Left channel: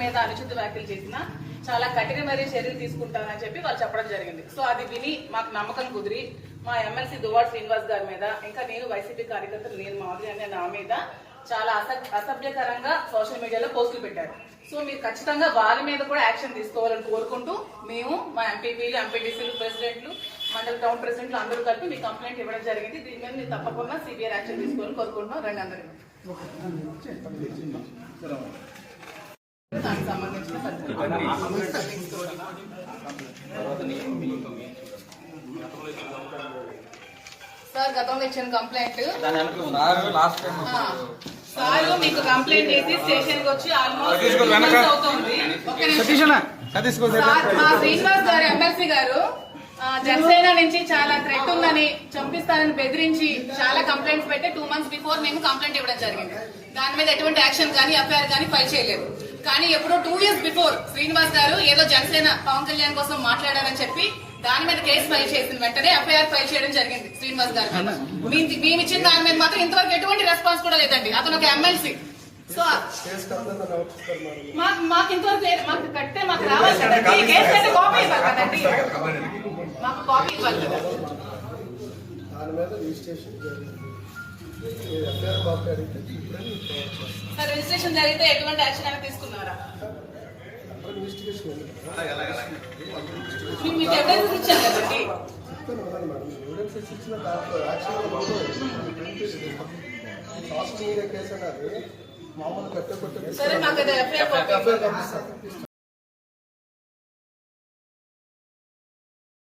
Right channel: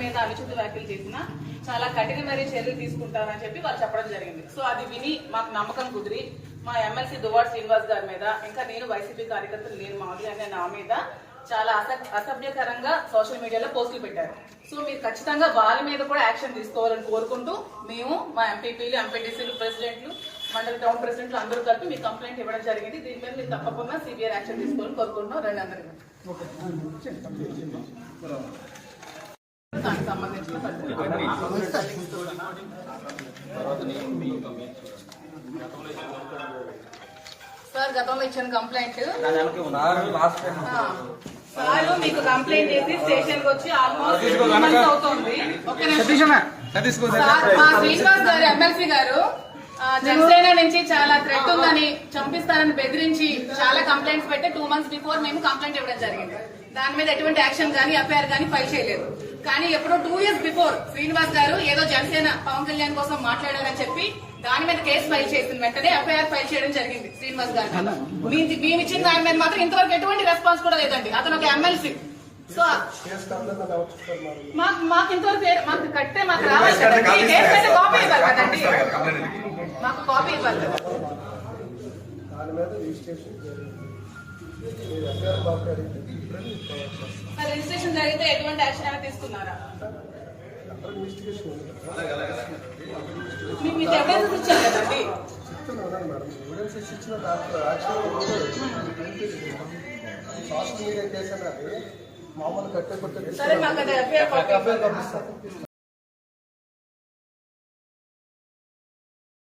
మీద అనుచిత వ్యాఖ్యలు చేసిన చాలా కఠినమైన చర్యలు తీసుకుంటామని చెప్పి వాళ్ళు చెప్పడం జరిగింది. సో అది విని మాకు నమ్మకం కుదిరి మా ఎమ్మెల్సీ దువ్వాడ శ్రీనివాస్ గారి మీద, ఇంకా నేను వైసీపీ కార్యకర్తలు నేను మాధురి అనే నా మీద చాలా అసభ్యకరంగా సోషల్ మీడియాలో పోస్టులు పెట్టారు. సో మీరు ఖచ్చితంగా వాళ్ళ మీద కూడా యాక్షన్ తీసుకోవాలని కోరుకుంటూ మేము మా ఎంపీపీలు, ఎంపీటీసీలు, ప్రెసిడెంట్లు, మండలి టౌన్ ప్రెసిడెంట్లు అందరూ కలిపి మీ కంప్లైంట్ ఇవ్వడం జరిగింది. దీని మీద మీరు తప్పకుండా సివియర్ యాక్షన్ తీసుకోవాలని కోరుకుంటున్నాం. రెండు అందరికీ దానికి సంబంధించిన సార్ గతంలో ఇచ్చిన కంప్లైంట్ సార్ మీకు కంప్లైంట్ చేసి స్టేషన్ కి వచ్చి ఆల్మోస్ట్ అవుతుంది. శ్రీనివాస్ గారు ఎమ్మెల్సీ గారు జనసేన నుంచి చాలా థ్రెట్ ఉందని, చంపిస్తారని బెదిరించి చాలా కంప్లైంట్స్ పెట్టి 2 months బిఫోర్ మేము కంప్లైంట్ ఇవ్వడం జరిగింది. దాని మీద ఎటువంటి యాక్షన్ కానీ ఎఫ్ఐఆర్ కానీ ఫైల్ చేయలేదు. కానీ ఎప్పుడో 2 years బిఫోర్ శ్రీనివాస్ గారు ఏదో జనసేన పవన్ కళ్యాణ్ కోసం మాట్లాడారని చెప్పి దాని మీద కేసు ఫైల్ చేసిన వెంటనే ఎఫ్ఐఆర్ ఫైల్ చేయడం జరిగింది శ్రీనివాస్ గారు. మేము ఇచ్చిన దాని మీద మాత్రం ఇంతవరకు ఎటువంటి రెస్పాన్స్ కూడా లేదండి. అతను ఒక ఎమ్మెల్సీ. సో మాకు ఇంతవరకు మాకు కట్టే మాకు రావాలి కదండి, కేసు అయితే కాపీ ఇవ్వాలి కదండి, మాకు కాపీ ఇవ్వాలి కదా. రిజిస్ట్రేషన్ జరిగితే ఎటువంటి యాక్షన్ అయినా తీసుకున్నారా? మీకు ఎవిడెన్స్ ఇచ్చారు కదండి. సరే మాకు